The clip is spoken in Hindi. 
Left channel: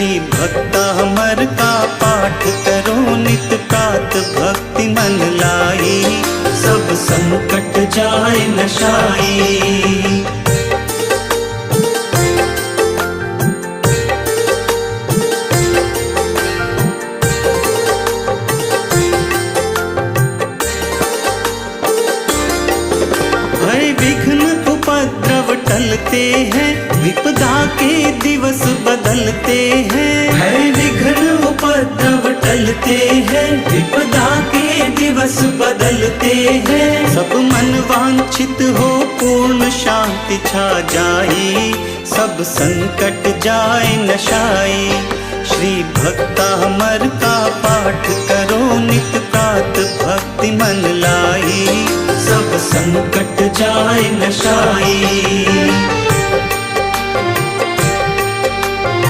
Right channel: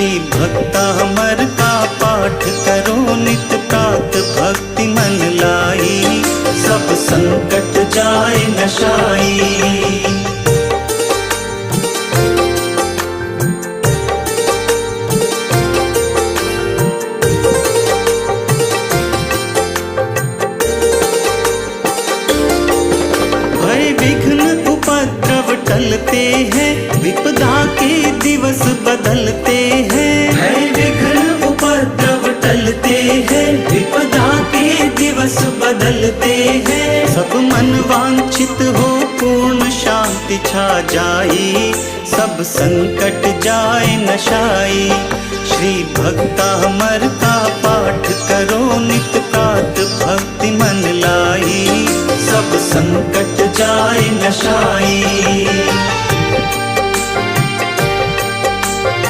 श्री भक्तामर का पाठ करो नित प्रात भक्ति मन लाई, सब संकट जाए नशाई। भय विघ्न उपद्रव टलते हैं, विपदा के दिवस बदलते हैं। भय विघ्न उपद्रव टलते हैं, विपदा के दिवस बदलते हैं। सब मन वांछित हो पूर्ण शांति छा जाई, सब संकट जाए नशाई। श्री भक्तामर का पाठ करो नित प्रात भक्ति मन लाई, सब संकट जाए नशाई।